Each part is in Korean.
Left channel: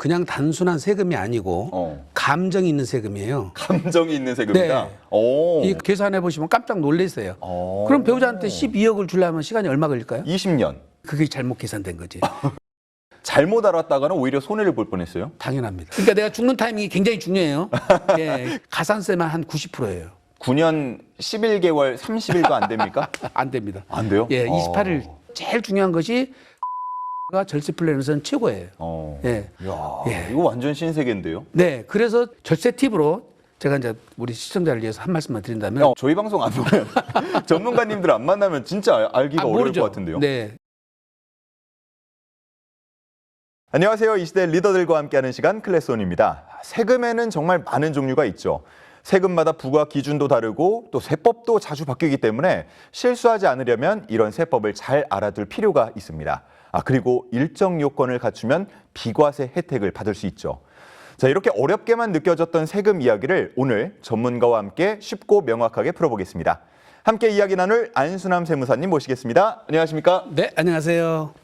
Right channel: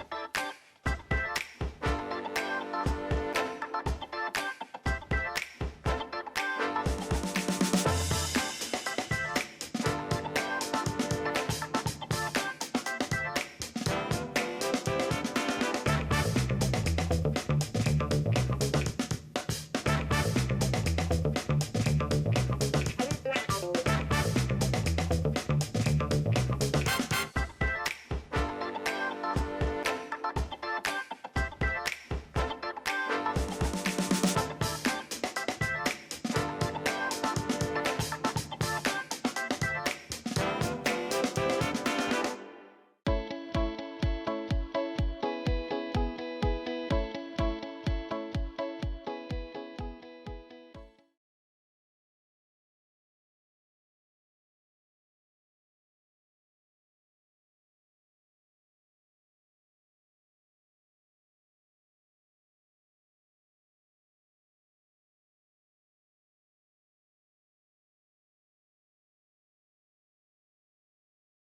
그냥 단순한 세금이 아니고 감정이 있는 세금이에요. 감정이 있는 세금이다. 오. 이 계산해 보시면 깜짝 놀랐어요. 그럼 배우자한테 12억을 주려면 시간이 얼마 걸릴까요? 20년. 그게 잘못 계산된 거지. 잘못 알았다가는 오히려 손해를 볼 뻔했어요. 당연합니다. 그러니까 내가 죽는 타이밍이 굉장히 중요해요. 예, 가산세만 한 90%예요. 9년 11개월 30일도 안 됩니까? 안 됩니다. 안 돼요? 예, 28일 제일 중요한 것이 절세 플랜에서는 최고예요. 예. 야, 예. 이거 완전 신세계인데요. 네, 그래서 절세 팁으로 제가 이제 우리 시청자를 위해서 한 말씀만 드린다면 저희 방송 안 보면 전문가님들 안 만나면 진짜 알기가 어려울 모르죠. 것 같은데요. 네. 안녕하세요. 이 시대 리더들과 함께하는 시간 클래스온입니다. 세금에는 정말 많은 종류가 있죠. 세금마다 부과 기준도 다르고 또 세법도 자주 바뀌기 때문에 실수하지 않으려면 이런 세법을 잘 알아둘 필요가 있습니다. 그리고 일정 요건을 갖추면 비과세 혜택을 받을 수 있죠. 자, 이렇게 어렵게만 느껴졌던 세금 이야기를 오늘 전문가와 함께 쉽고 명확하게 풀어보겠습니다. 함께 이야기 나눌 안수남 세무사님 모시겠습니다. 안녕하십니까? 네, 안녕하세요.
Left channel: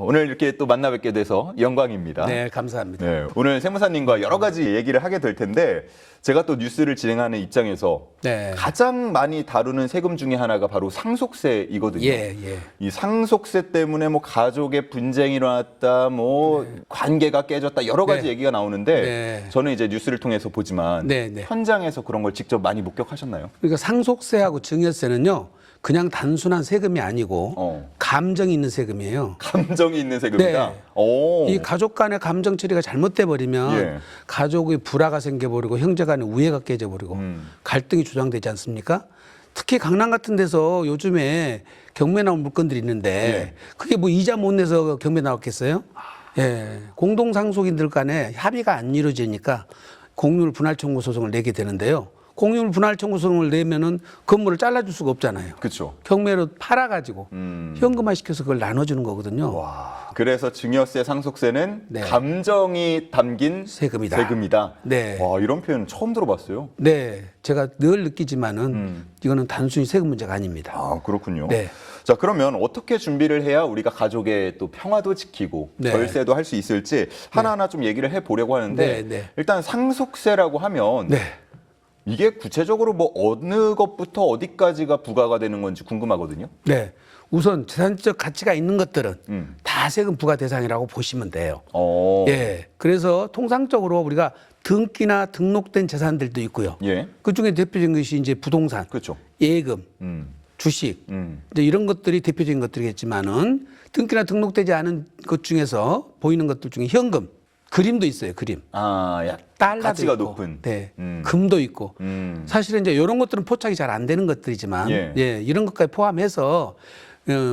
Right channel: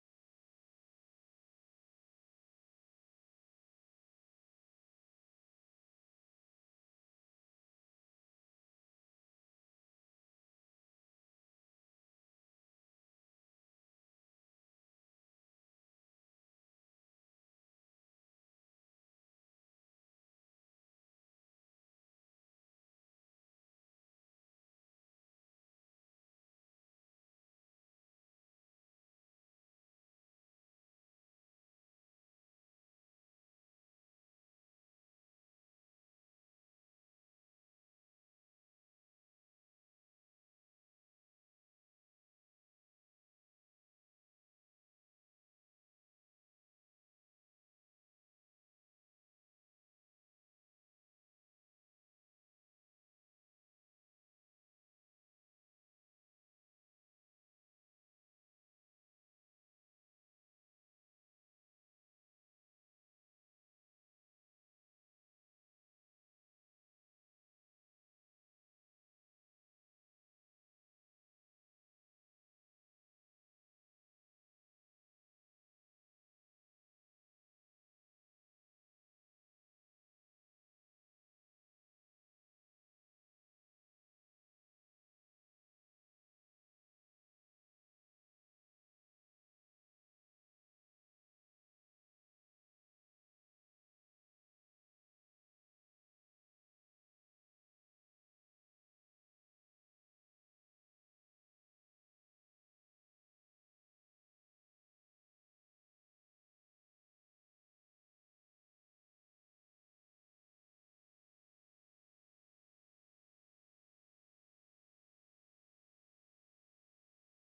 오늘 이렇게 또 만나 뵙게 돼서 영광입니다. 네, 감사합니다. 네, 오늘 세무사님과 여러 가지 얘기를 하게 될 텐데 제가 또 뉴스를 진행하는 입장에서 네. 가장 많이 다루는 세금 중에 하나가 바로 상속세이거든요. 예, 예. 이 상속세 때문에 뭐 가족의 분쟁이 일어났다, 뭐 관계가 깨졌다 여러 가지 네. 얘기가 나오는데 네. 저는 이제 뉴스를 통해서 보지만 네, 네. 현장에서 그런 걸 직접 많이 목격하셨나요? 그러니까 상속세하고 증여세는요, 그냥 단순한 세금이 아니고 감정이 있는 세금이에요. 감정이 있는 세금이다. 네. 오. 이 가족 간의 감정 처리가 잘못돼 버리면 예. 가족의 불화가 생겨버리고 형제 간의 우애가 깨져버리고 갈등이 조장되지 않습니까? 특히 강남 같은 데서 요즘에 경매 나온 물건들이 있는데 예. 그게 뭐 이자 못 내서 경매 나왔겠어요? 예. 공동상속인들 간에 합의가 안 이루어지니까 공유물 분할 청구 소송을 내게 되는데요. 공유물 분할 청구 소송을 내면은 건물을 잘라줄 수가 없잖아요. 그렇죠. 경매로 팔아가지고 현금화 시켜서 그걸 나눠주는 거거든요. 와. 그래서 증여세, 상속세는 네. 감정이 담긴 세금이다. 세금이다. 네. 와, 이런 표현 처음 들어봤어요. 네, 제가 늘 느끼지만은 이거는 단순히 세금 문제가 아닙니다. 그렇군요. 네. 자, 그러면 어떻게 준비를 해야 우리가 가족의 또 평화도 지키고 네. 절세도 할 수 있을지 하나하나 좀 얘기를 해보려고 하는데 네, 네. 일단 상속세라고 하면 네, 이게 구체적으로 뭐 어느 것부터 어디까지가 부과가 되는 건지 궁금하거든요. 네. 우선 재산적 가치가 있는 것들은 음. 다 세금 부과 대상이라고 보시면 돼요. 어. 예. 그래서 통상적으로 우리가 등기나 등록된 재산들도 있고요. 예. 그 중에 대표적인 것이 이제 부동산, 그렇죠. 예금, 음. 주식, 음. 이제 이런 것들이 대표적인 것들이겠지만은 등기나 등록되지 않은 것 중에서 보이는 것들 중에 현금, 그림도 있어요. 그림. 야, 달러도 가치가 있고, 높은. 네, 음. 금도 있고. 사실은 사실은 이제 이런 것들은 포착이 잘 안 되는 것들이지만, 예. 이런 것까지 포함해서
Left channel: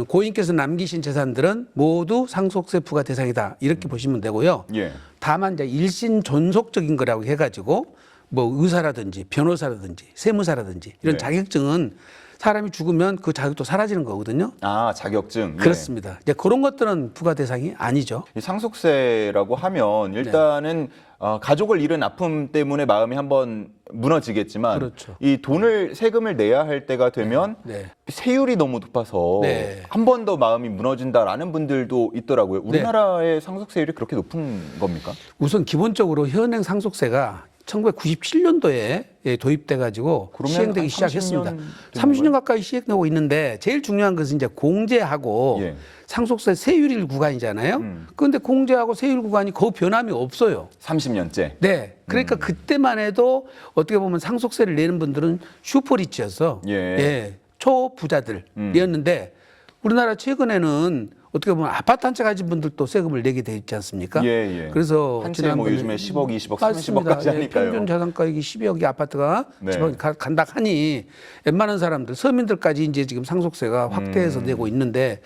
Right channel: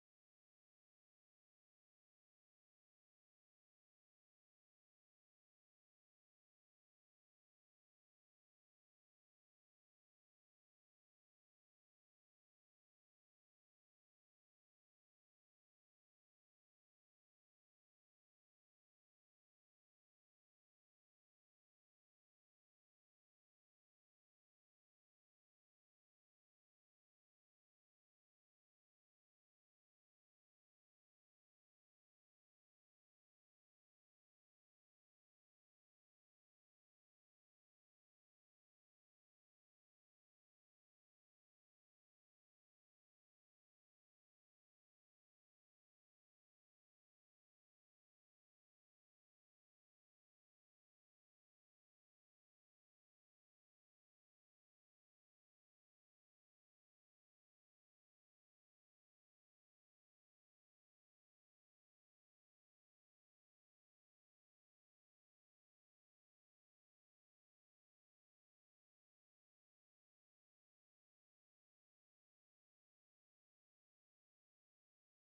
고인께서 남기신 재산들은 모두 상속세 부과 대상이다 이렇게 보시면 되고요. 예. 다만 이제 일신 존속적인 거라고 해가지고 뭐 의사라든지 변호사라든지 세무사라든지 이런 네. 자격증은 사람이 죽으면 그 자격도 사라지는 거거든요. 자격증. 예. 그렇습니다. 이제 그런 것들은 부과 대상이 아니죠. 이 상속세라고 하면 일단은 가족을 잃은 아픔 때문에 마음이 한번 무너지겠지만 그렇죠. 이 돈을 세금을 내야 할 때가 되면 네. 세율이 너무 높아서 네. 한 번 더 마음이 무너진다라는 분들도 있더라고요. 우리나라의 상속세율이 그렇게 높은 겁니까? 우선 기본적으로 현행 상속세가 1997년도에 도입돼 가지고 그러면 시행되기 한 시작했습니다. 30년 된 30년 가까이 시행되고 있는데 제일 중요한 것은 이제 공제하고 예. 상속세 세율일 구간이잖아요. 그런데 공제하고 세율 구간이 거의 변함이 없어요. 30년째. 네. 그러니까 그때만 해도 어떻게 보면 상속세를 내는 분들은 슈퍼리치여서 예. 초부자들이었는데 우리나라 최근에는 어떻게 보면 아파트 한 채 가진 분들도 세금을 내게 돼 있지 않습니까? 예, 예. 그래서 한 채에 뭐 지난번에 요즘에 10억, 20억, 맞습니다. 30억까지 하니까요. 평균 자산가액이 12억이 아파트가 네. 지금 간다 하니 웬만한 사람들 서민들까지 이제 지금 상속세가 확대해서 내고 있는데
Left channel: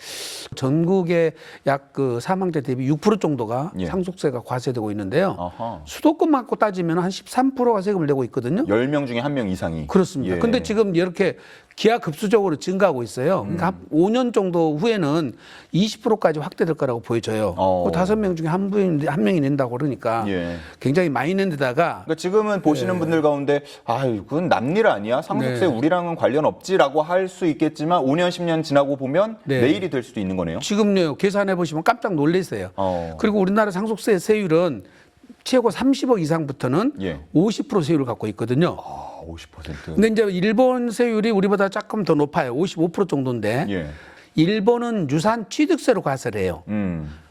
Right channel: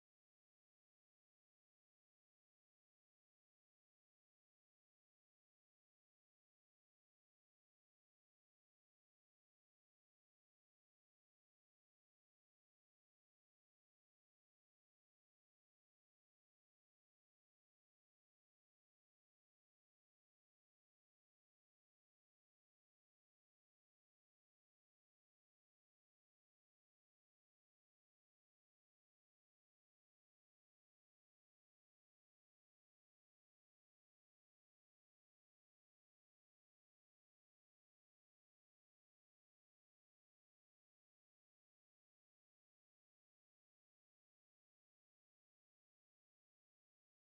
전국의 약 그 사망자 대비 6% 정도가 예. 상속세가 과세되고 있는데요. 아하. 수도권 갖고 따지면 한 13%가 세금을 내고 있거든요. 10명 중에 1명 이상이. 그렇습니다. 예. 근데 지금 이렇게 기하급수적으로 증가하고 있어요. 그러니까 한 5년 정도 후에는 20%까지 확대될 거라고 보여져요. 어. 5명 중에 한 명이 낸다고 그러니까 예. 굉장히 많이 낸 데다가 그러니까 지금은 보시는 분들 가운데 그건 남일 아니야? 상속세 네. 우리랑은 관련 없지라고 할 수 있겠지만 5년, 10년 지나고 보면 네. 내일이 될 수도 있는 거네요. 지금요 계산해 보시면 깜짝 놀라세요. 그리고 우리나라 상속세 세율은 최고 30억 이상부터는 예. 50% 세율을 갖고 있거든요. 50%. 근데 이제 일본 세율이 우리보다 조금 더 높아요. 55% 정도인데 예. 일본은 유산 취득세로 과세를 해요.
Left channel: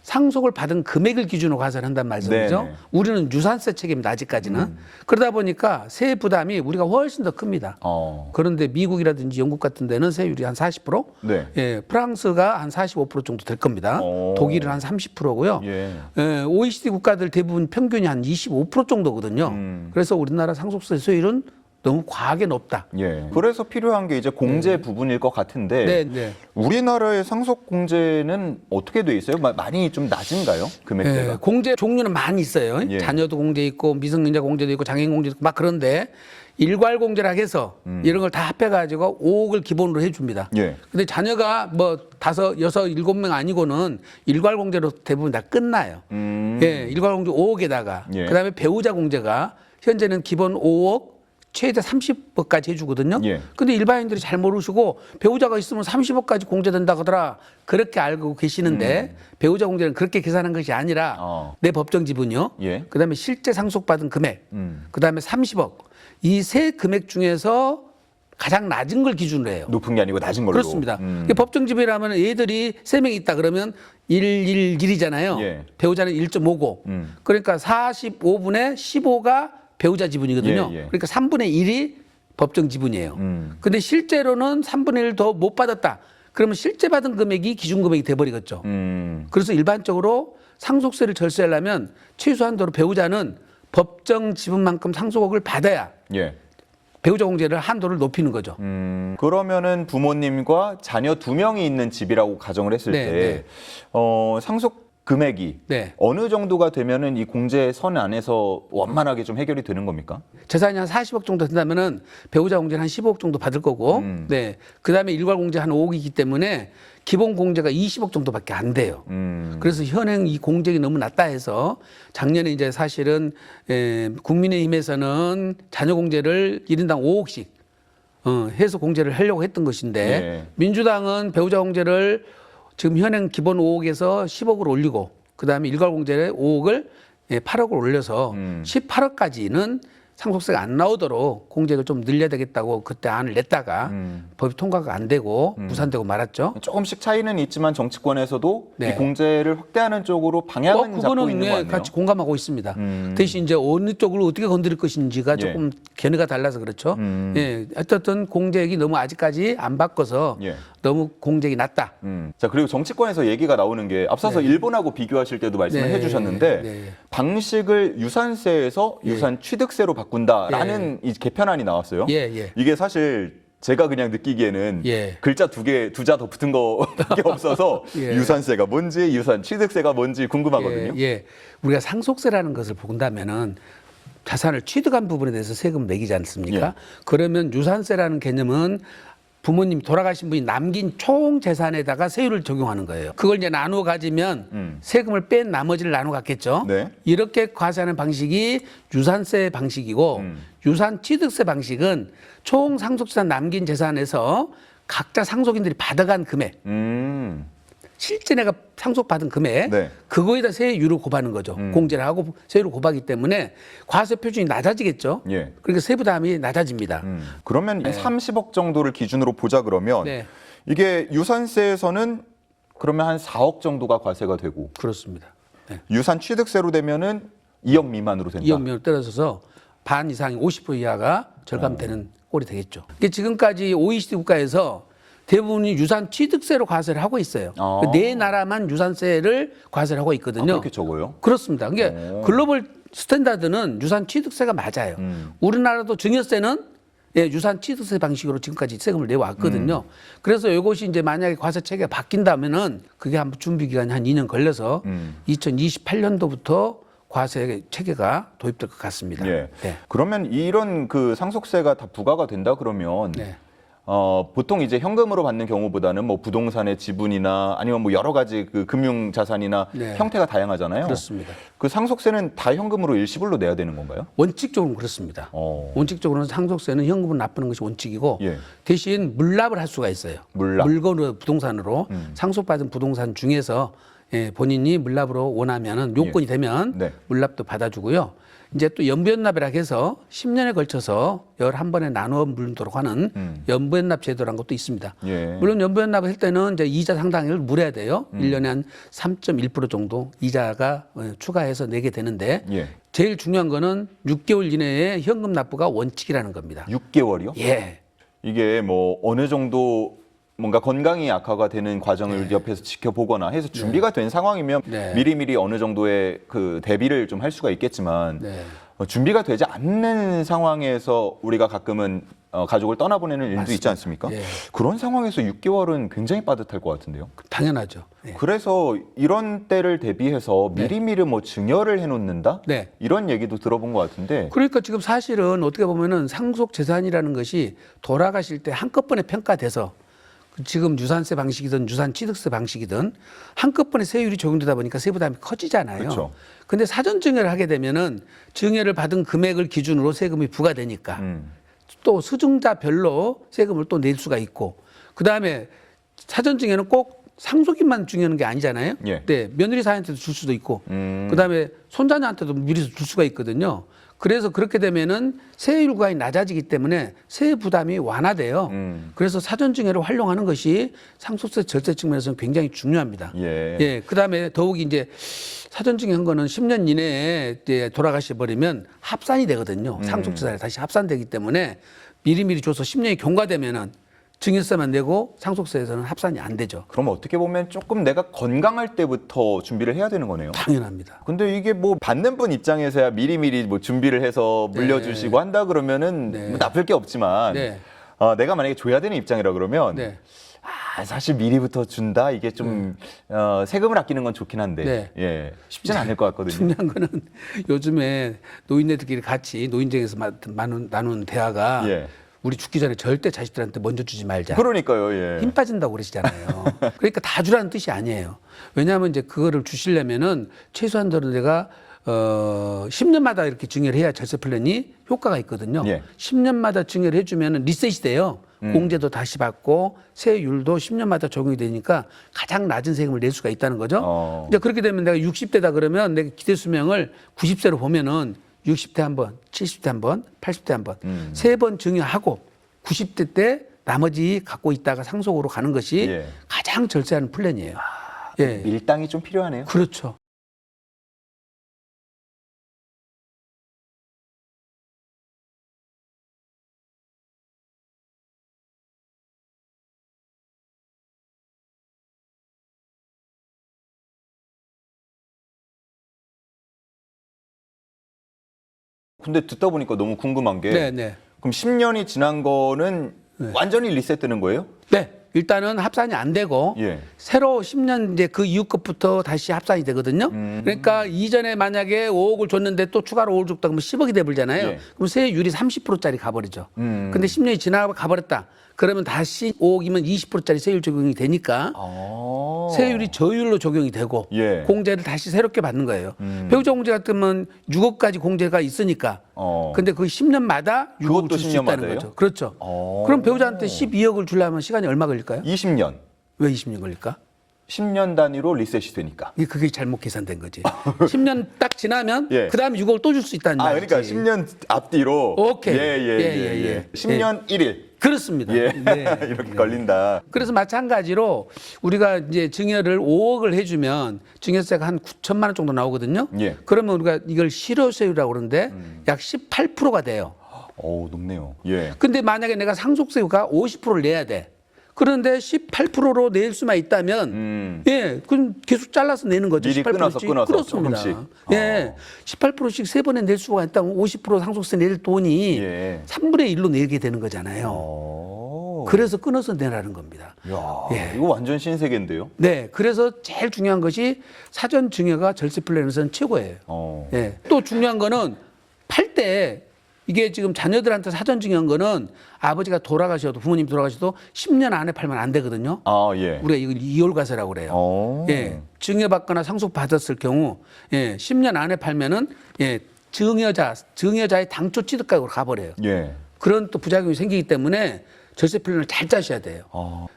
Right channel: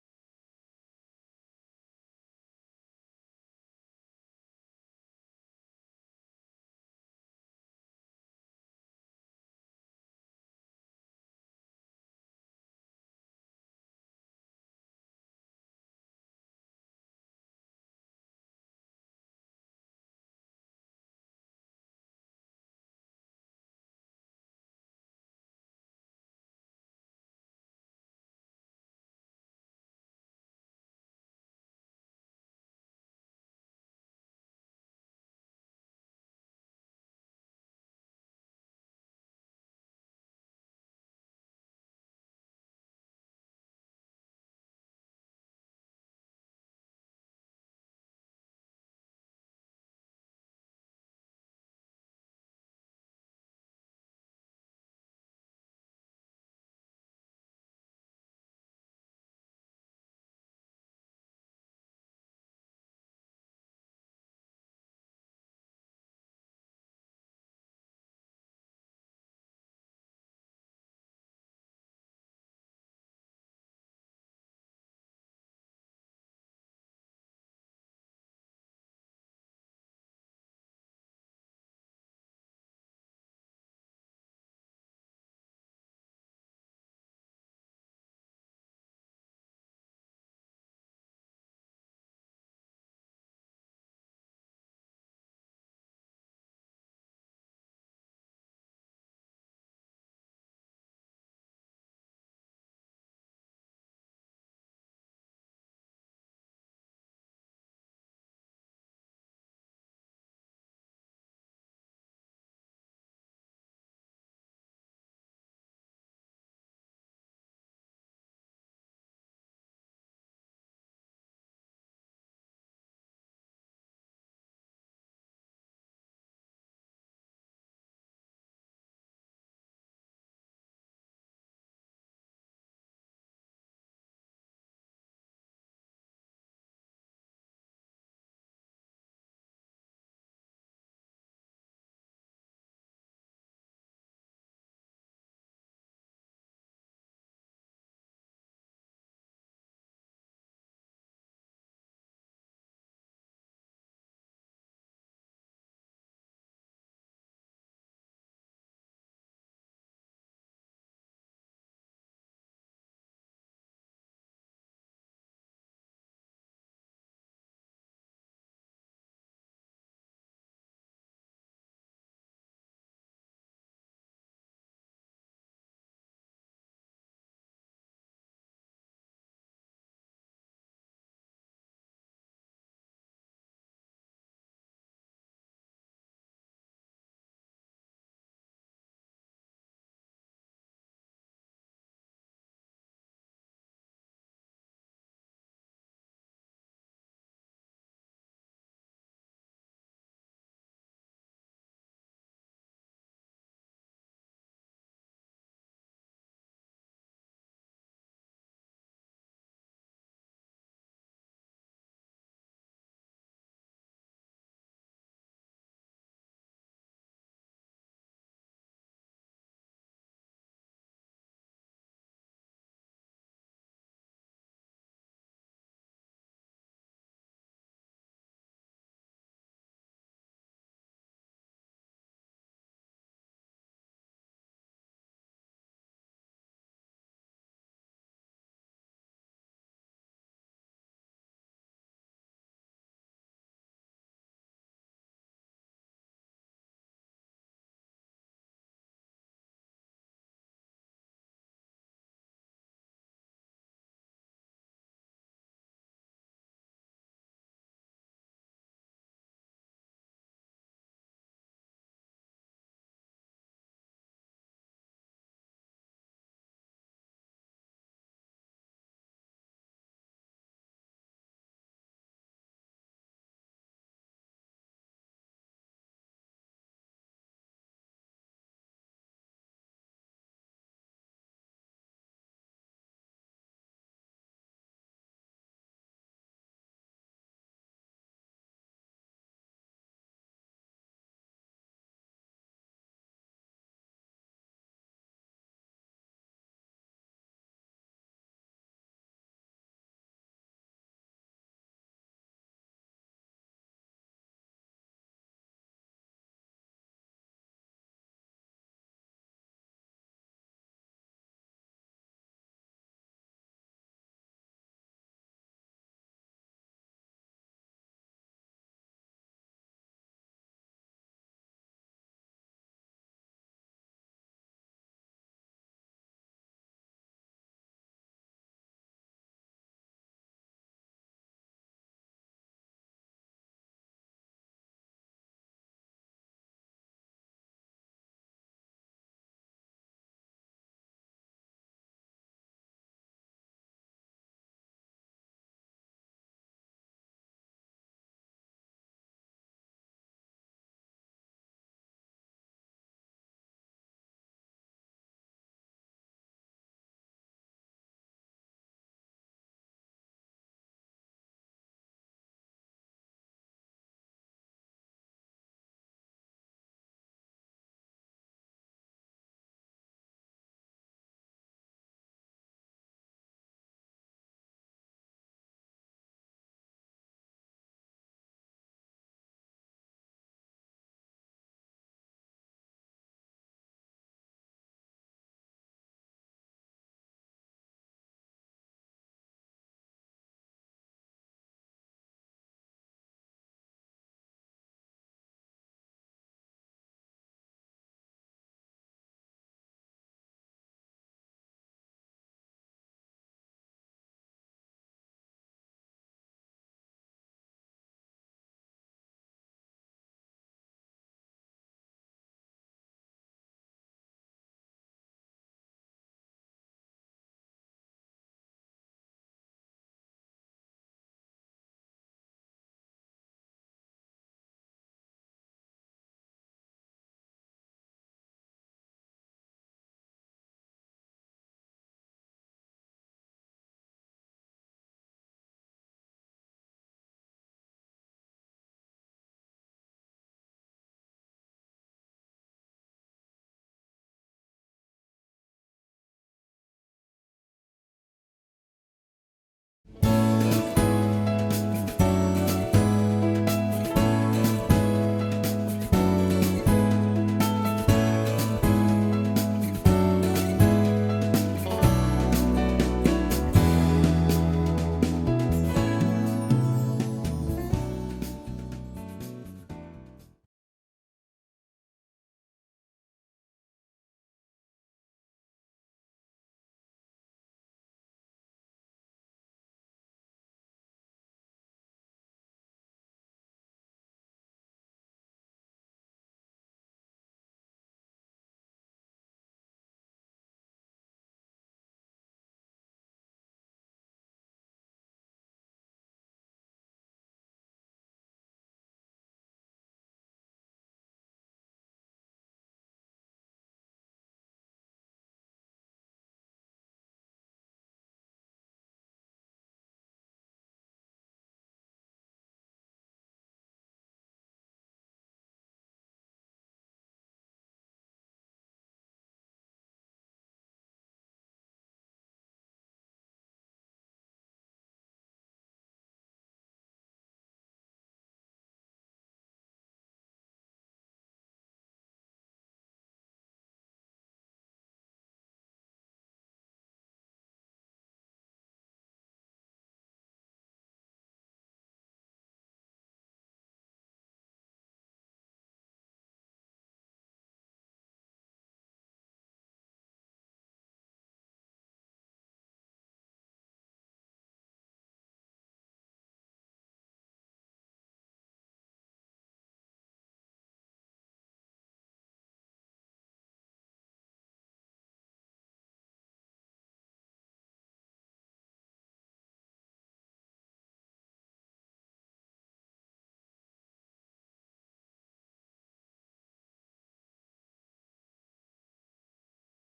상속을 받은 금액을 기준으로 과세를 한단 말씀이죠. 네네. 우리는 유산세 책임입니다. 아직까지는. 그러다 보니까 세 부담이 우리가 훨씬 더 큽니다. 그런데 미국이라든지 영국 같은 데는 세율이 한 40%, 네. 예, 프랑스가 한 45% 정도 될 겁니다. 독일은 한 30%고요. 예. 예, OECD 국가들 대부분 평균이 한 25% 정도거든요. 그래서 우리나라 상속세 세율은 너무 과하게 높다. 예. 그래서 필요한 게 이제 공제 부분일 것 같은데 네, 네. 우리나라의 상속 공제는 어떻게 돼 있어요? 많이 좀 낮은가요? 금액대가? 예, 공제 종류는 많이 있어요. 예. 자녀도 공제 있고 미성년자 공제도 있고 장애인 공제도 있고 막 그런데 일괄 공제라 해서 이런 걸 다 합해가지고 5억을 기본으로 해줍니다. 예. 근데 자녀가 뭐 5, 6, 7명 아니고는 일괄 공제로 대부분 다 끝나요. 예, 일괄 공제 5억에다가 예. 그다음에 배우자 공제가 현재는 기본 5억 최대 30억까지 해주거든요. 예. 근데 일반인들이 잘 모르시고 배우자가 있으면 30억까지 공제된다 하더라. 그렇게 알고 계시는데 배우자 공제는 그렇게 계산한 것이 아니라 내 법정 지분이요. 예. 그다음에 실제 상속받은 금액. 그다음에 30억. 이 세 금액 중에서 가장 낮은 걸 기준으로 해요. 높은 게 아니고 낮은 걸로. 그렇습니다. 법정 지분이라면 애들이 3명 있다 그러면 111이잖아요. 예. 배우자는 1.5고. 그러니까 45분의 15가 배우자 지분이거든요. 예, 예. 그러니까 3분의 1이 법정 지분이에요. 근데 실제로는 3분의 1 더 못 받았다. 그러면 실제 받은 금액이 기준 금액이 돼버리겠죠. 그래서 일반적으로 상속세를 절세하려면 최소한도로 배우자는 법정 지분만큼 상속액을 받아야 예. 배우자 공제를 한도를 높이는 거죠. 그러면은 부모님과 자녀 2명이 있는 집이라고 가정을 했을 네, 때 네. 상속 금액이 네. 어느 정도가 되면은 이 공제 선 안에서 원만하게 좀 해결이 되는 겁니까? 재산이 한 40억 정도 된다면은 배우자 공제는 한 15억 정도 받을 거고, 네. 그 다음에 일괄 공제 한 5억이기 때문에 기본 공제가 20억 정도밖에 안 돼요. 그래서 현행 이 공제가 너무 낮다 해서 작년에 이제 사실은 국민의힘에서는 자녀 공제를 1인당 5억씩 해서 공제를 하려고 했던 것인데 예. 민주당은 배우자 공제를 지금 현행 기본 5억에서 10억을 올리고 그다음에 일괄 공제를 5억을 8억을 올려서 18억까지는 상속세가 안 나오도록 공제를 좀 늘려야 되겠다고 그때 안을 냈다가 법이 통과가 안 되고 무산되고 말았죠. 조금씩 차이는 있지만 정치권에서도 네. 이 공제를 확대하는 쪽으로 방향은 잡고 있는 거 아니에요? 같이 공감하고 있습니다. 대신 이제 어느 쪽을 어떻게 건드릴 것인지가 예. 조금 견해가 달라서 그렇죠. 예, 어쨌든 공제액이 너무 아직까지 안 바꿔서 예. 너무 공제액이 낮다. 자, 그리고 정치권에서 얘기가 나오는 게 앞서서 일본하고 비교하실 때도 말씀을 네. 해주셨는데 네. 방식을 유산세에서 유산 취득세로 바꾼다라는 이 개편안이 나왔어요. 예, 예. 이게 사실 제가 그냥 느끼기에는 예. 글자 두 자 더 붙은 거밖에 없어서 예. 유산세가 뭔지 유산 취득세가 뭔지 궁금하거든요. 예. 우리가 상속세라는 것을 본다면은 자산을 취득한 부분에 대해서 세금을 매기지 않습니까? 예. 그러면 유산세라는 개념은 부모님 돌아가신 분이 남긴 총 재산에다가 세율을 적용하는 거예요. 그걸 이제 나누어 가지면 세금을 뺀 나머지를 나누어 갖겠죠. 네. 이렇게 과세하는 방식이 유산세 방식이고 유산 취득세 방식은 총 상속재산 남긴 재산에서 각자 상속인들이 받아간 금액, 실제 내가 상속받은 금액, 네. 그거에다 세율을 곱하는 거죠. 공제를 하고 세율을 곱하기 때문에 과세 표준이 낮아지겠죠. 예. 그러니까 세부담이 낮아집니다. 그러면 30억 정도를 기준으로 보자 그러면 네. 이게 유산세에서는 그러면 한 4억 정도가 과세가 되고 그렇습니다. 네. 유산 취득세로 되면은 2억 미만으로 된다. 2억 명을 떨어져서 반 이상이 50% 이하가 절감되는 꼴이 되겠죠. 이게 지금까지 OECD 국가에서 대부분이 유산 취득세로 과세를 하고 있어요. 아. 네 나라만 유산세를 과세를 하고 있거든요. 그렇게 적어요? 그렇습니다. 이게 오. 글로벌 스탠다드는 유산 취득세가 맞아요. 우리나라도 증여세는 유산 취득세 방식으로 지금까지 세금을 내왔거든요. 그래서 이것이 이제 만약에 과세 체계가 바뀐다면은 그게 한 준비 기간이 한 2년 걸려서 2028년도부터 과세 체계가 도입될 것 같습니다. 예. 네. 그러면 이런 그 상속세가 다 부과가 된다 그러면 네. 보통 이제 현금으로 받는 경우보다는 뭐 부동산의 지분이나 아니면 뭐 여러 가지 그 금융 자산이나 네. 형태가 다양하잖아요. 그렇습니다. 그 상속세는 다 현금으로 일시불로 내야 되는 건가요? 원칙적으로는 그렇습니다. 원칙적으로는 상속세는 현금을 납부하는 것이 원칙이고 예. 대신 물납을 할 수가 있어요. 물납. 물건으로 부동산으로 상속받은 부동산 중에서 본인이 물납으로 원하면은 요건이 되면 네. 물납도 받아주고요. 이제 또 연부연납이라고 해서 10년에 걸쳐서 11번에 나누어 물도록 하는 연부연납 제도라는 것도 있습니다. 예. 물론 연부연납을 할 때는 이제 이자 상당을 물어야 돼요. 1년에 한 3.1% 정도 이자가 추가해서 내게 되는데 예. 제일 중요한 거는 6개월 이내에 현금 납부가 원칙이라는 겁니다. 6개월이요? 예. 이게 뭐 어느 정도 뭔가 건강이 악화가 되는 과정을 옆에서 지켜보거나 해서 준비가 된 상황이면 네. 미리미리 어느 정도의 그 대비를 좀 할 수가 있겠지만 네. 준비가 되지 않는 상황에서 우리가 가끔은 가족을 떠나보내는 일도 있지 않습니까? 예. 그런 상황에서 6개월은 굉장히 빠듯할 것 같은데요. 당연하죠. 예. 그래서 이런 때를 대비해서 미리미리 뭐 증여를 해놓는다? 네. 이런 얘기도 들어본 것 같은데 그러니까 지금 사실은 어떻게 보면은 상속 재산이라는 것이 돌아가실 때 한꺼번에 평가돼서 지금 유산세 방식이든 유산 취득세 방식이든 한꺼번에 세율이 적용되다 보니까 세부담이 커지잖아요. 그렇죠. 근데 사전 증여를 하게 되면은 증여를 받은 금액을 기준으로 세금이 부과되니까 또 수증자별로 세금을 또 낼 수가 있고 그다음에 사전 증여는 꼭 상속인만 증여하는 게 아니잖아요. 예. 네, 며느리 사이한테도 줄 수도 있고 그다음에 손자녀한테도 미리 줄 수가 있거든요. 그래서 그렇게 되면은 세율 구간이 낮아지기 때문에 세액 부담이 완화돼요. 그래서 사전 증여를 활용하는 것이 상속세 절세 측면에서는 굉장히 중요합니다. 예. 그다음에 더욱이 이제 사전 증여한 거는 10년 이내에 이제 돌아가셔 버리면 합산이 되거든요. 상속재산이 다시 합산되기 때문에 미리미리 줘서 10년이 경과되면은 증여세만 내고 상속세에서는 합산이 안 되죠. 그럼 어떻게 보면 조금 내가 건강할 때부터 준비를 해야 되는 거네요. 당연합니다. 근데 이게 뭐 받는 분 입장에서야 미리미리 뭐 준비를 해서 물려주시고 한다 그러면은 네. 뭐 나쁠 게 없지만 네. 내가 만약에 줘야 되는 입장이라 그러면 네. 사실 미리부터 준다 이게 좀 세금을 아끼는 건 좋긴 한데 네. 예, 쉽지는 않을 것 같거든요. 중요한 거는 요즘에 노인네들끼리 같이 노인정에서 나눈 대화가 예. 우리 죽기 전에 절대 자식들한테 먼저 주지 말자. 그러니까요. 예. 힘 빠진다고 그러시잖아요. 그러니까 다 주라는 뜻이 아니에요. 왜냐하면 이제 그거를 주시려면은 최소한도로 내가 10년마다 이렇게 증여를 해야 절세 플랜이 효과가 있거든요. 예. 10년마다 증여를 해주면 리셋이 돼요. 공제도 다시 받고 세율도 10년마다 적용이 되니까 가장 낮은 세금을 낼 수가 있다는 거죠. 이제 그렇게 되면 내가 60대다 그러면 내가 기대 수명을 90세로 보면은 60대 한 번, 70대 한 번, 80대 한 번, 세 번 증여하고 90대 때 나머지 갖고 있다가 상속으로 가는 것이 예. 가장 절세하는 플랜이에요. 예, 밀당이 좀 필요하네요. 그렇죠. 근데 듣다 보니까 너무 궁금한 게 네, 네. 그럼 10년이 지난 거는 완전히 리셋되는 거예요? 네, 일단은 합산이 안 되고 예. 새로 10년 이제 그 이후 것부터 다시 합산이 되거든요. 그러니까 이전에 만약에 5억을 줬는데 또 추가로 5억 줬다 그러면 10억이 돼버리잖아요. 예. 그럼 세율이 30%짜리 가버리죠. 근데 10년이 지나가 가버렸다. 그러면 다시 5억이면 20%짜리 세율 적용이 되니까 세율이 저율로 적용이 되고 예. 공제를 다시 새롭게 받는 거예요. 배우자 공제 같으면 6억까지 공제가 있으니까. 근데 그 10년마다 6억을 그것도 줄 수 10년 있다는 마다예요? 거죠. 그렇죠. 그럼 배우자한테 12억을 주려면 시간이 얼마 걸릴까요? 20년. 왜 20년 걸릴까? 10년 단위로 리셋이 되니까. 그게 잘못 계산된 거지. 10년 딱 지나면 예. 그다음에 6억을 또 줄 수 있다는 말이지. 그러니까 10년 앞뒤로. 오케이. 예. 10년 1일. 그렇습니다. 예. 네. 이렇게 걸린다. 그래서 마찬가지로 우리가 이제 증여를 5억을 해주면 증여세가 한 9천만 원 정도 나오거든요. 예. 그러면 우리가 이걸 실효세율이라고 그러는데 약 18%가 돼요. 높네요. 예. 근데 만약에 내가 상속세가 50%를 내야 돼. 그런데 18%로 낼 수만 있다면 예, 그럼 계속 잘라서 내는 거죠. 미리 18%씩. 끊어서 그렇습니다. 조금씩. 예, 18%씩 세 번에 낼 수가 있다면 50% 상속세 낼 돈이 예. 3분의 1로 내게 되는 거잖아요. 그래서 끊어서 내라는 겁니다. 야, 예. 이거 완전 신세계인데요. 네, 그래서 제일 중요한 것이 사전 증여가 절세 플랜에서는 최고예요. 예. 또 중요한 거는 팔 때 이게 지금 자녀들한테 사전 증여한 거는 아버지가 돌아가셔도 부모님 돌아가셔도 10년 안에 팔면 안 되거든요. 예. 우리가 이걸 이홀과세라고 그래요. 예, 증여받거나 상속받았을 경우 10년 안에 팔면은 증여자의 당초 취득가격으로 가버려요. 예. 그런 또 부작용이 생기기 때문에 절세 플랜을 잘 짜셔야 돼요.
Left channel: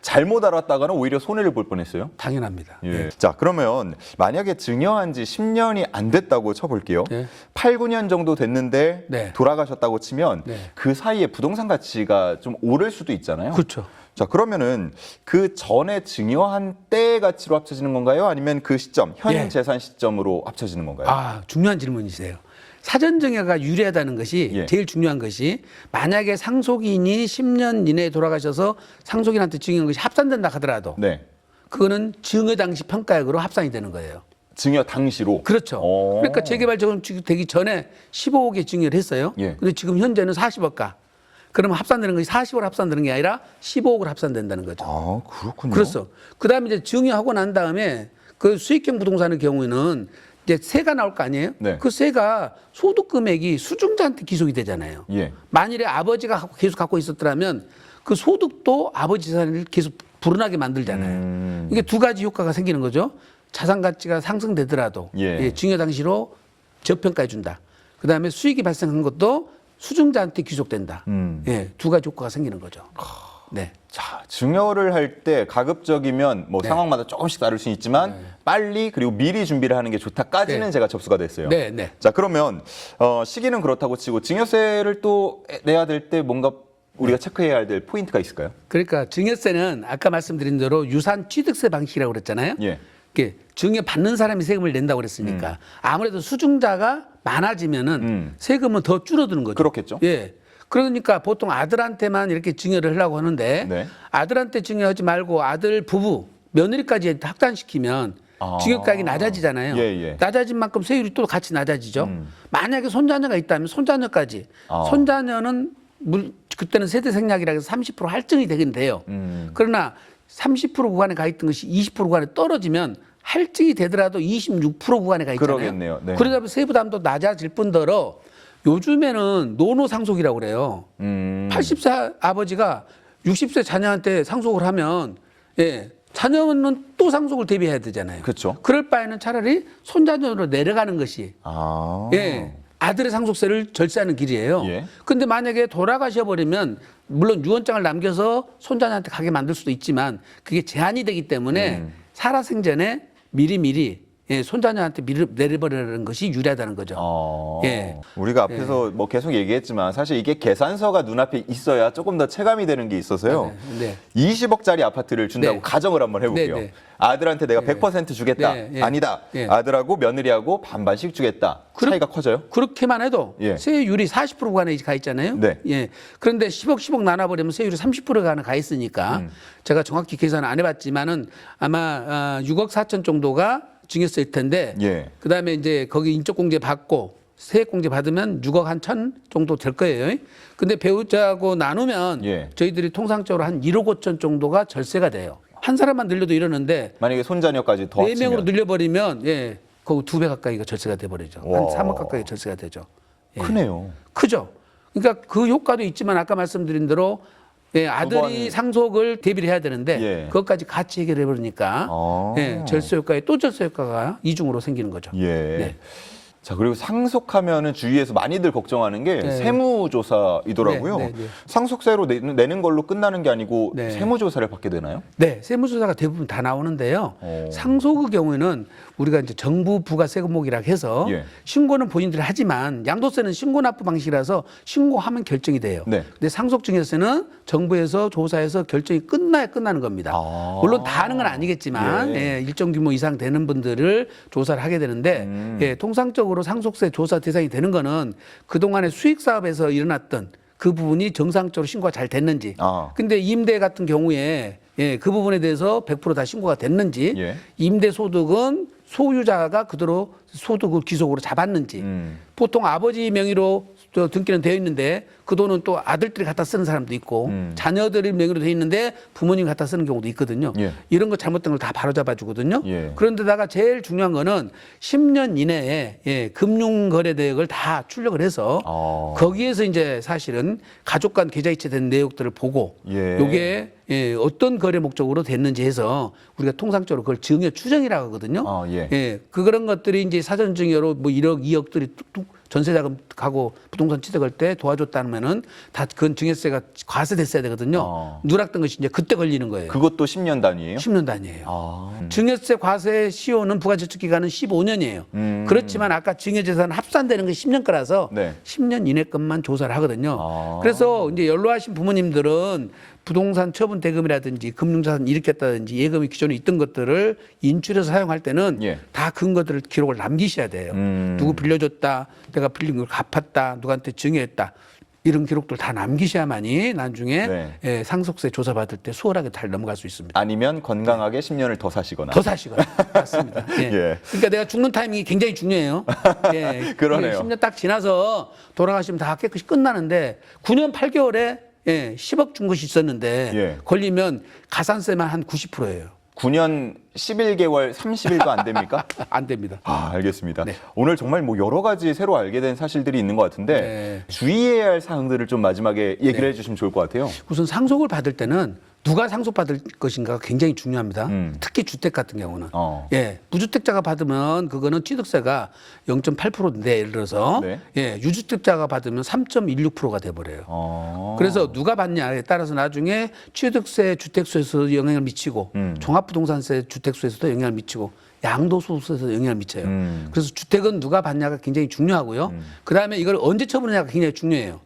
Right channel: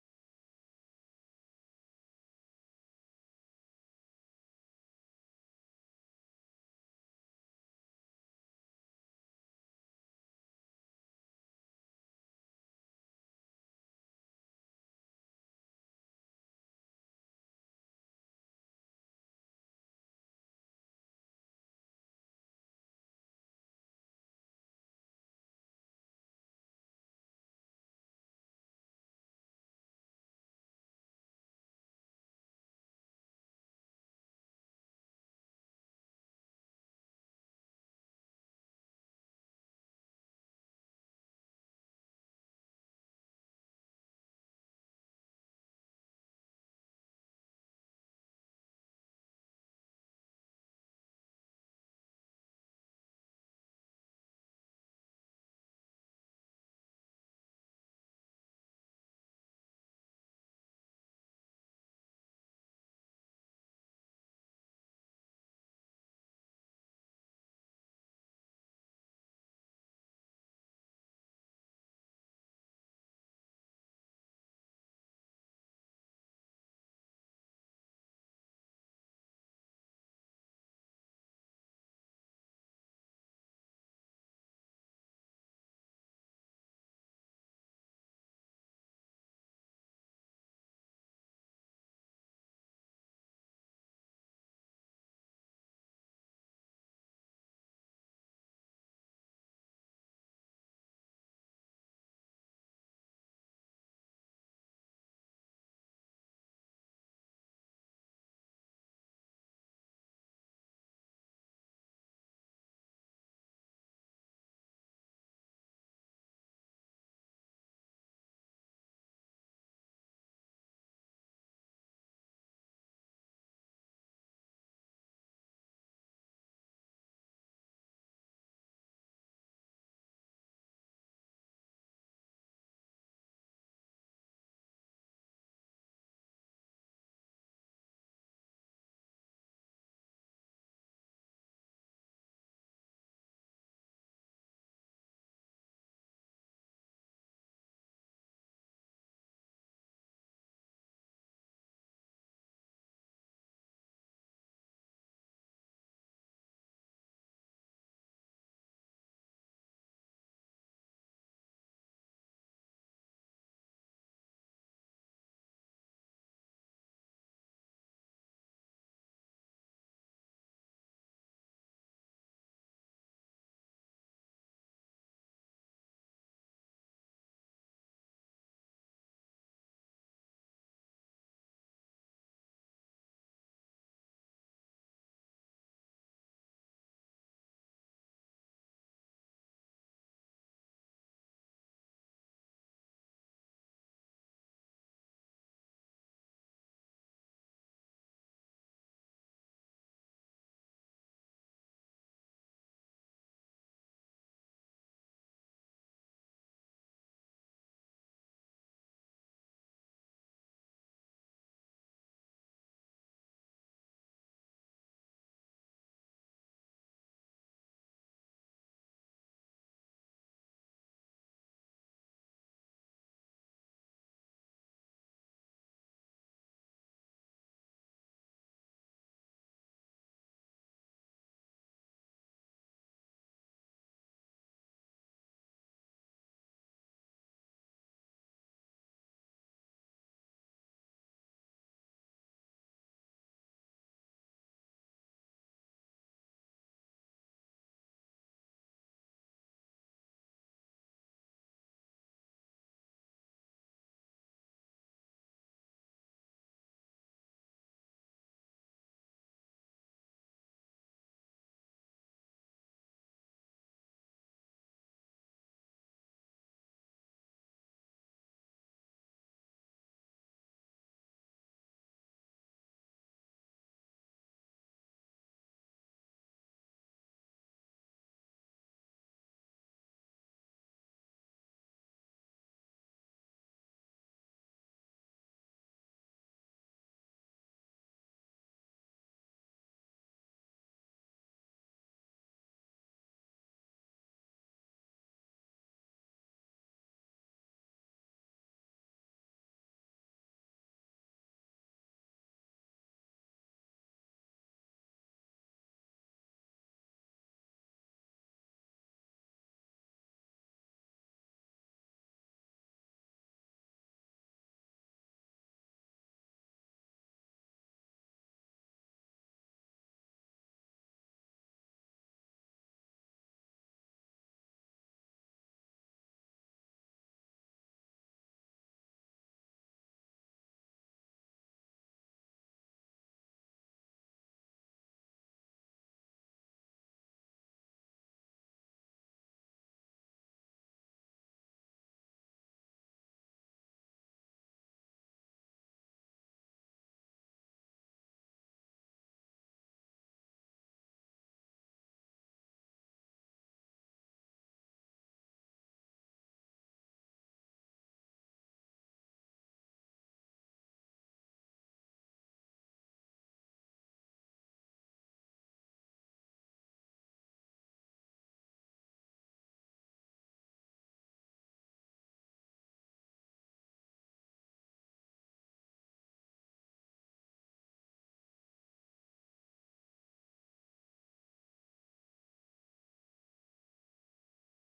잘못 알았다가는 오히려 손해를 볼 뻔했어요. 당연합니다. 예. 자, 그러면 만약에 증여한 지 10년이 안 됐다고 쳐볼게요. 네. 8, 9년 정도 됐는데 네. 돌아가셨다고 치면 네. 그 사이에 부동산 가치가 좀 오를 수도 있잖아요. 그렇죠. 자, 그러면은 그 전에 증여한 때 가치로 합쳐지는 건가요? 아니면 그 시점, 현 예. 재산 시점으로 합쳐지는 건가요? 아, 중요한 질문이세요. 사전 증여가 유리하다는 것이 예. 제일 중요한 것이 만약에 상속인이 10년 이내에 돌아가셔서 상속인한테 증여한 것이 합산된다 하더라도 네. 그거는 증여 당시 평가액으로 합산이 되는 거예요. 증여 당시로. 그렇죠. 그러니까 재개발 되기 전에 15억에 증여를 했어요. 예. 근데 지금 현재는 40억가. 그러면 합산되는 것이 40억 합산되는 게 아니라 15억으로 합산된다는 거죠. 아, 그렇군요. 그렇죠. 그다음에 이제 증여하고 난 다음에 그 수익형 부동산의 경우에는 이제 세가 나올 거 아니에요? 네. 그 세가 소득 금액이 수증자한테 기속이 되잖아요. 예. 만일에 아버지가 계속 갖고 있었더라면 그 소득도 아버지 재산을 계속 불어나게 만들잖아요. 이게 두 가지 효과가 생기는 거죠. 자산 가치가 상승되더라도 예. 증여 당시로 저평가해 준다. 그다음에 수익이 발생한 것도 수증자한테 귀속된다. 두 가지 효과가 생기는 거죠. 네. 자, 증여를 할 때 가급적이면 뭐 네. 상황마다 조금씩 다를 수 있지만 빨리 그리고 미리 준비를 하는 게 좋다까지는 네. 제가 접수가 됐어요. 네, 네. 자, 그러면 시기는 그렇다고 치고 증여세를 또 내야 될 때 뭔가 우리가 체크해야 될 포인트가 있을까요? 그러니까 증여세는 아까 말씀드린 대로 유산 취득세 방식이라고 그랬잖아요. 예. 이게 증여 받는 사람이 세금을 낸다고 그랬으니까 아무래도 수증자가 많아지면은 세금은 더 줄어드는 거죠. 그렇겠죠. 예. 그러니까 보통 아들한테만 이렇게 증여를 하려고 하는데 네. 아들한테 증여하지 말고 아들 부부 며느리까지 확단시키면 증여가액이 낮아지잖아요. 예, 예. 낮아진 만큼 세율이 또 같이 낮아지죠. 만약에 손자녀가 있다면 손자녀까지 손자녀는 그때는 세대 생략이라 해서 30% 할증이 되긴 돼요. 그러나 30% 구간에 가 있던 것이 20% 구간에 떨어지면 할증이 되더라도 26% 구간에 가 있잖아요. 그러겠네요. 네. 그러다 보면 세부 담도 낮아질 뿐더러 요즘에는 노노 상속이라고 그래요. 80세 아버지가 60세 자녀한테 상속을 하면 자녀는 또 상속을 대비해야 되잖아요. 그렇죠. 그럴 바에는 차라리 손자녀로 내려가는 것이 아. 아들의 상속세를 절세하는 길이에요. 예. 근데 만약에 돌아가셔 버리면 물론 유언장을 남겨서 손자녀한테 가게 만들 수도 있지만 그게 제한이 되기 때문에 살아생전에 미리미리 손자녀한테 내려버리는 것이 유리하다는 거죠. 예. 우리가 앞에서 뭐 계속 얘기했지만 사실 이게 계산서가 눈앞에 있어야 조금 더 체감이 되는 게 있어서요. 네. 20억짜리 아파트를 준다고 네. 가정을 한번 해볼게요. 네, 네. 아들한테 내가 100% 주겠다. 네, 네. 아니다. 네. 아들하고 며느리하고 반반씩 주겠다. 차이가 커져요? 그렇게만 해도 예. 세율이 40% 구간에 가 있잖아요. 네. 예. 그런데 10억 나눠버리면 세율이 30%가 가 있으니까 제가 정확히 계산을 안 해봤지만은 아마 6억 4천 정도가 증여세일 텐데 예. 그다음에 이제 거기 인적공제 받고 세액공제 받으면 6억 한 천 정도 될 거예요. 근데 배우자하고 나누면 예. 저희들이 통상적으로 한 1억 5천 정도가 절세가 돼요. 한 사람만 늘려도 이러는데 만약에 손자녀까지 더 4명으로 합치면 늘려버리면 거기 2배 가까이가 절세가 돼버리죠. 한 와. 3억 가까이 절세가 되죠. 예. 크네요. 크죠. 그러니까 그 효과도 있지만 아까 말씀드린 대로 아들이 번- 상속을 대비를 해야 되는데 예. 그것까지 같이 해결해 버리니까 절세 효과에 또 절세 효과가 이중으로 생기는 거죠. 예. 네. 자, 그리고 상속하면은 주위에서 많이들 걱정하는 게 네. 세무조사이더라고요. 네, 네, 네. 상속세로 내는 걸로 끝나는 게 아니고 네. 세무조사를 받게 되나요? 네, 세무조사가 대부분 다 나오는데요. 오. 상속의 경우에는 우리가 이제 정부 부가 세금목이라 해서 예. 신고는 본인들이 하지만 양도세는 신고 납부 방식이라서 신고하면 결정이 돼요. 네. 근데 상속증여세는 정부에서 조사해서 결정이 끝나야 끝나는 겁니다. 물론 다 하는 건 아니겠지만 예. 일정 규모 이상 되는 분들을 조사를 하게 되는데 통상적으로 상속세 조사 대상이 되는 거는 그동안의 수익 사업에서 일어났던 그 부분이 정상적으로 신고가 잘 됐는지. 근데 임대 같은 경우에 예, 그 부분에 대해서 100%다 신고가 됐는지, 예. 임대소득은 소유자가 그대로 소득을 기속으로 잡았는지, 보통 아버지 명의로 등기는 되어 있는데 그 돈은 또 아들들이 갖다 쓰는 사람도 있고 자녀들의 명의로 되어 있는데 부모님이 갖다 쓰는 경우도 있거든요. 예. 이런 거 잘못된 걸 다 바로잡아 주거든요. 예. 그런데다가 제일 중요한 거는 10년 이내에 예, 금융거래대역을 다 출력을 해서 거기에서 이제 사실은 가족 간 계좌이체된 내역들을 보고 예. 요게 예, 어떤 거래 목적으로 됐는지 해서 우리가 통상적으로 그걸 증여 추정이라고 하거든요. 예. 예, 그런 것들이 이제 사전 증여로 뭐 1억, 2억들이 뚝뚝 전세자금 가고 부동산 취득할 때 도와줬다면은 다 그건 증여세가 과세됐어야 되거든요. 누락된 것이 이제 그때 걸리는 거예요. 그것도 10년 단위예요? 10년 단위예요. 증여세 과세 시효는 부가저축 기간은 15년이에요. 그렇지만 아까 증여재산 합산되는 게 10년 거라서 네. 10년 이내 것만 조사를 하거든요. 그래서 이제 연로하신 부모님들은 부동산 처분 대금이라든지 금융자산 일으켰다든지 예금이 기존에 있던 것들을 인출해서 사용할 때는 예. 다 근거들을 기록을 남기셔야 돼요. 누구 빌려줬다, 내가 빌린 걸 갚았다, 누구한테 증여했다. 이런 기록들 다 남기셔야만이 나중에 네. 예, 상속세 조사받을 때 수월하게 잘 넘어갈 수 있습니다. 아니면 건강하게 10년을 더 사시거나. 더 사시거나. 맞습니다. 예. 예. 그러니까 내가 죽는 타이밍이 굉장히 중요해요. 예. 그러네요. 10년 딱 지나서 돌아가시면 다 깨끗이 끝나는데 9년 8개월에 예, 10억 준 것이 있었는데 예. 걸리면 가산세만 한 90%예요. 9년 11개월 30일도 안 됩니까? 안 됩니다. 알겠습니다. 네. 오늘 정말 뭐 여러 가지 새로 알게 된 사실들이 있는 것 같은데 네. 주의해야 할 사항들을 좀 마지막에 얘기를 해주시면 좋을 것 같아요. 우선 상속을 받을 때는 누가 상속받을 것인가가 굉장히 중요합니다. 특히 주택 같은 경우는. 예, 무주택자가 받으면 그거는 취득세가 0.8%인데 예를 들어서 네. 예, 유주택자가 받으면 3.16%가 돼버려요. 그래서 누가 받냐에 따라서 나중에 취득세, 주택수에서 영향을 미치고 종합부동산세, 주택수에서도 영향을 미치고 양도소득세에서 영향을 미쳐요. 그래서 주택은 누가 받냐가 굉장히 중요하고요. 그다음에 이걸 언제 처분하냐가 굉장히 중요해요.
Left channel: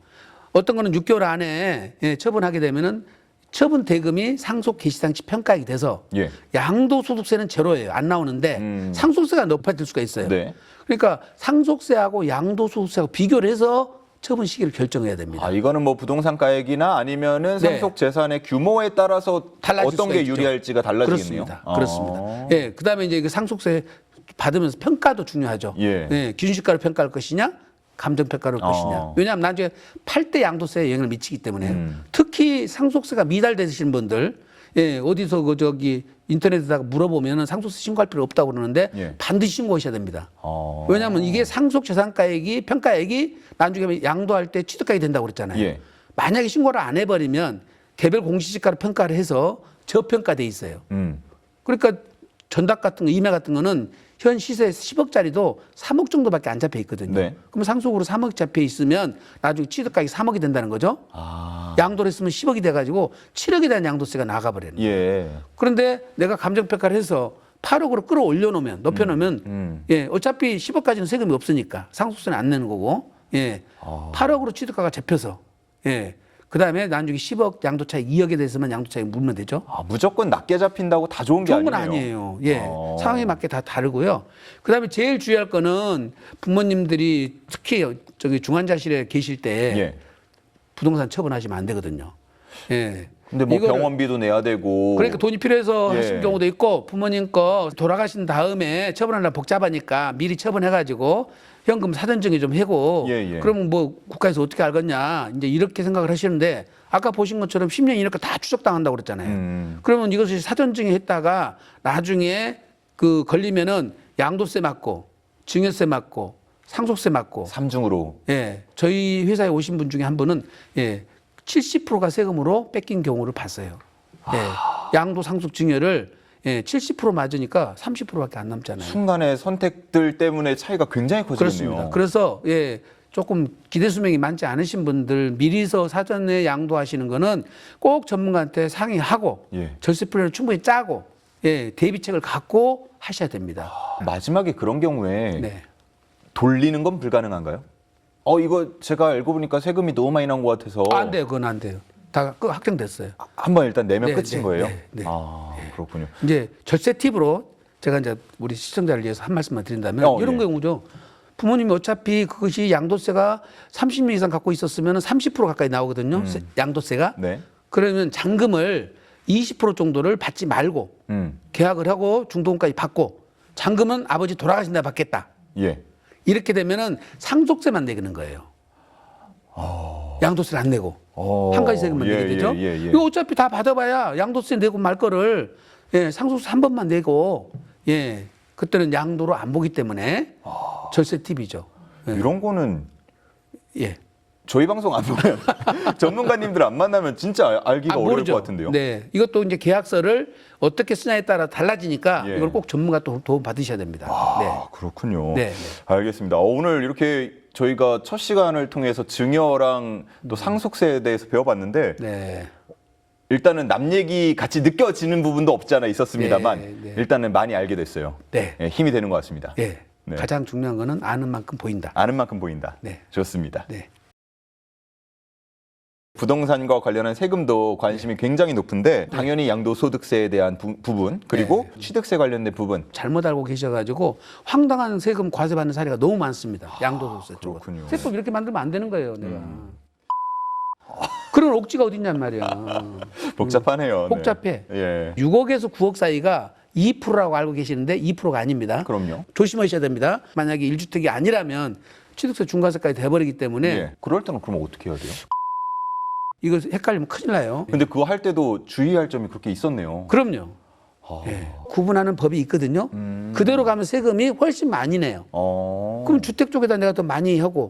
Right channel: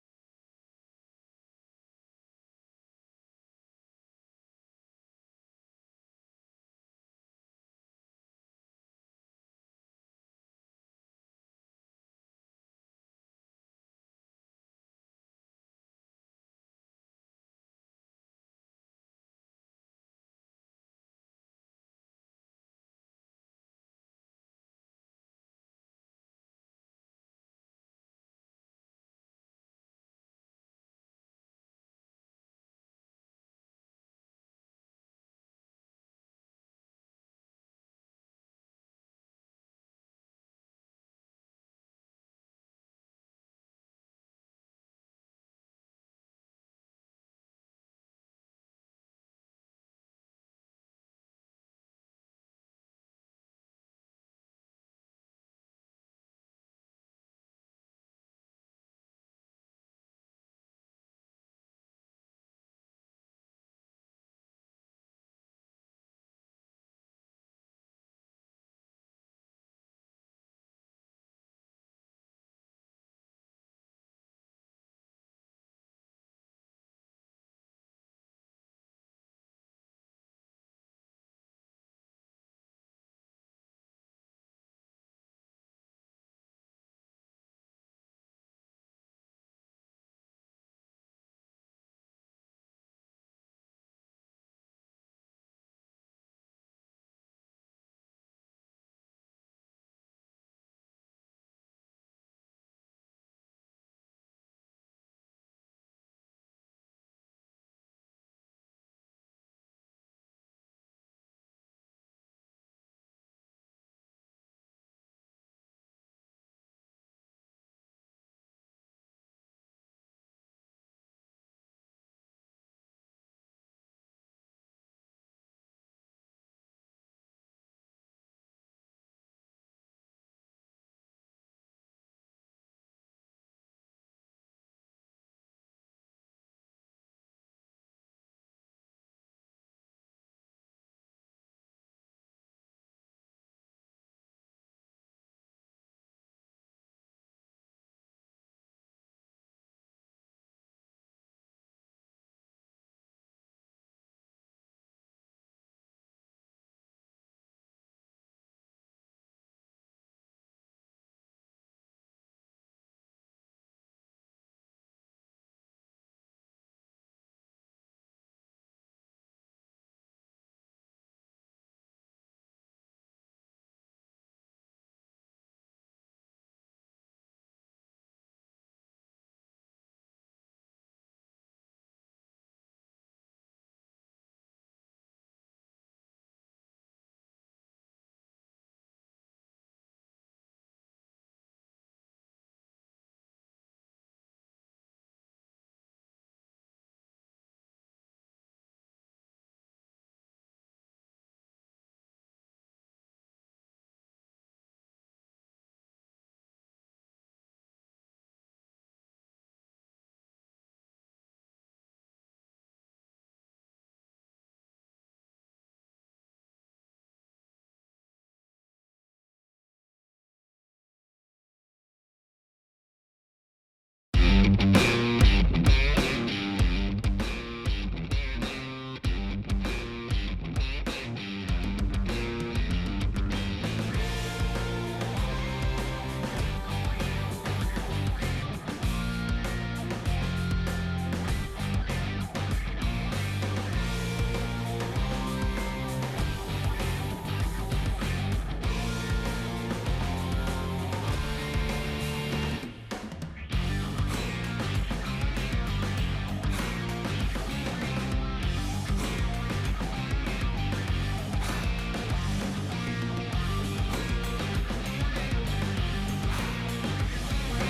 어떤 거는 6개월 안에 예, 처분하게 되면은 처분 대금이 상속 개시당시 평가액이 돼서 예. 양도소득세는 제로예요. 안 나오는데 상속세가 높아질 수가 있어요. 네. 그러니까 상속세하고 양도소득세하고 비교를 해서 처분 시기를 결정해야 됩니다. 이거는 뭐 부동산 가액이나 아니면은 네. 상속 재산의 규모에 따라서 달라질 어떤 수가 게 있죠. 유리할지가 달라지겠네요. 그렇습니다. 그렇습니다. 예, 그다음에 이제 그 상속세 받으면서 평가도 중요하죠. 예. 기준시가로 평가할 것이냐, 감정평가를 할 것이냐. 왜냐하면 나중에 팔 때 양도세에 영향을 미치기 때문에 특히 상속세가 미달되신 분들 예, 어디서 그 저기 인터넷에다가 물어보면은 상속세 신고할 필요 없다고 그러는데 예. 반드시 신고하셔야 됩니다. 왜냐하면 이게 상속재산가액이 평가액이 나중에 양도할 때 취득가액이 된다고 그랬잖아요. 예. 만약에 신고를 안 해버리면 개별 공시지가로 평가를 해서 저평가돼 있어요. 그러니까 전답 같은 거, 임야 같은 거는 현 시세 10억짜리도 3억 정도밖에 안 잡혀 있거든요. 네. 그럼 상속으로 3억 잡혀 있으면 나중에 취득가액이 3억이 된다는 거죠. 양도를 했으면 10억이 돼가지고 7억에 대한 양도세가 나가버려요. 예. 그런데 내가 감정평가를 해서 8억으로 끌어올려 놓으면 높여놓으면 예, 어차피 10억까지는 세금이 없으니까 상속세는 안 내는 거고 예, 8억으로 취득가가 잡혀서 예, 그다음에 나중에 10억 양도차익 2억에 대해서만 양도차익 물면 되죠. 무조건 낮게 잡힌다고 다 좋은 게 좋은 건 아니네요. 아니에요. 예, 상황에 맞게 다 다르고요. 그다음에 제일 주의할 거는 부모님들이 특히 저기 중환자실에 계실 때 예. 부동산 처분하시면 안 되거든요. 예. 근데 뭐 이거를- 병원비도 내야 되고. 그러니까 돈이 필요해서 예. 하시는 경우도 있고 부모님 거 돌아가신 다음에 처분하려면 복잡하니까 미리 처분해가지고 현금 사전증여 좀 해고 예. 그러면 뭐 국가에서 어떻게 알겠냐 이제 이렇게 생각을 하시는데 아까 보신 것처럼 10년 이내가 다 추적당한다고 그랬잖아요. 그러면 이것을 사전증여 했다가 나중에 그 걸리면은 양도세 맞고 증여세 맞고 상속세 맞고 삼중으로. 예, 저희 회사에 오신 분 중에 한 분은 예, 70%가 세금으로 뺏긴 경우를 봤어요. 예, 양도 상속 증여를 예, 70% 맞으니까 30%밖에 안 남잖아요. 순간의 선택들 때문에 차이가 굉장히 커지겠네요. 그렇습니다. 그래서 예, 조금 기대 수명이 많지 않으신 분들 미리서 사전에 양도하시는 거는 꼭 전문가한테 상의하고 예. 절세 플랜을 충분히 짜고 예, 대비책을 갖고 하셔야 됩니다. 마지막에 그런 경우에 네. 돌리는 건 불가능한가요? 이거 제가 알고 보니까 세금이 너무 많이 나온 것 같아서 안 돼요, 그건 안 돼요. 다 확정됐어요. 한번 일단 내면 네, 끝인 네, 거예요? 네. 그렇군요. 이제 절세 팁으로 제가 이제 우리 시청자를 위해서 한 말씀만 드린다면 이런 예. 경우죠. 부모님이 어차피 그것이 양도세가 30년 이상 갖고 있었으면 30% 가까이 나오거든요. 양도세가. 네. 그러면 잔금을 20% 정도를 받지 말고 계약을 하고 중도금까지 받고 잔금은 아버지 돌아가신다 받겠다. 예. 이렇게 되면은 상속세만 내는 거예요. 양도세를 안 내고 한 가지 세금만 내게 되죠. 이거 어차피 다 받아봐야 양도세 내고 말 거를 상속세 한 번만 내고 그때는 양도로 안 보기 때문에 절세 팁이죠. 이런 거는 예. 저희 방송 안 보면 전문가님들 안 만나면 진짜 알기가 어려울 모르죠. 것 같은데요. 네, 이것도 이제 계약서를 어떻게 쓰냐에 따라 달라지니까 예. 이걸 꼭 전문가 또 도움 받으셔야 됩니다. 아, 그렇군요. 네. 알겠습니다. 오늘 이렇게 저희가 첫 시간을 통해서 증여랑 또 상속세에 대해서 배워봤는데 네. 일단은 남 얘기 같이 느껴지는 부분도 없지 않아 있었습니다만 네. 일단은 많이 알게 됐어요. 네. 힘이 되는 것 같습니다. 네. 네. 가장 중요한 거는 아는 만큼 보인다. 아는 만큼 보인다. 네. 좋습니다. 네. 부동산과 관련한 세금도 관심이 굉장히 높은데 당연히 양도소득세에 대한 부분 그리고 취득세 관련된 부분 잘못 알고 계셔가지고 황당한 세금 과세받는 사례가 너무 많습니다. 양도소득세 쪽으로. 세법 이렇게 만들면 안 되는 거예요. 그런 옥지가 어딨냔 말이야. 복잡하네요. 복잡해. 예. 6억에서 9억 사이가 2%라고 알고 계시는데 2%가 아닙니다. 그럼요. 조심하셔야 됩니다. 만약에 1주택이 아니라면 취득세 중과세까지 돼버리기 때문에 예. 그럴 때는 그럼 어떻게 해야 돼요? 이거 헷갈리면 큰일 나요. 근데 그거 할 때도 주의할 점이 그렇게 있었네요. 그럼요. 구분하는 법이 있거든요. 그대로 가면 세금이 훨씬 많이 내요. 그럼 주택 쪽에다 내가 또 많이 하고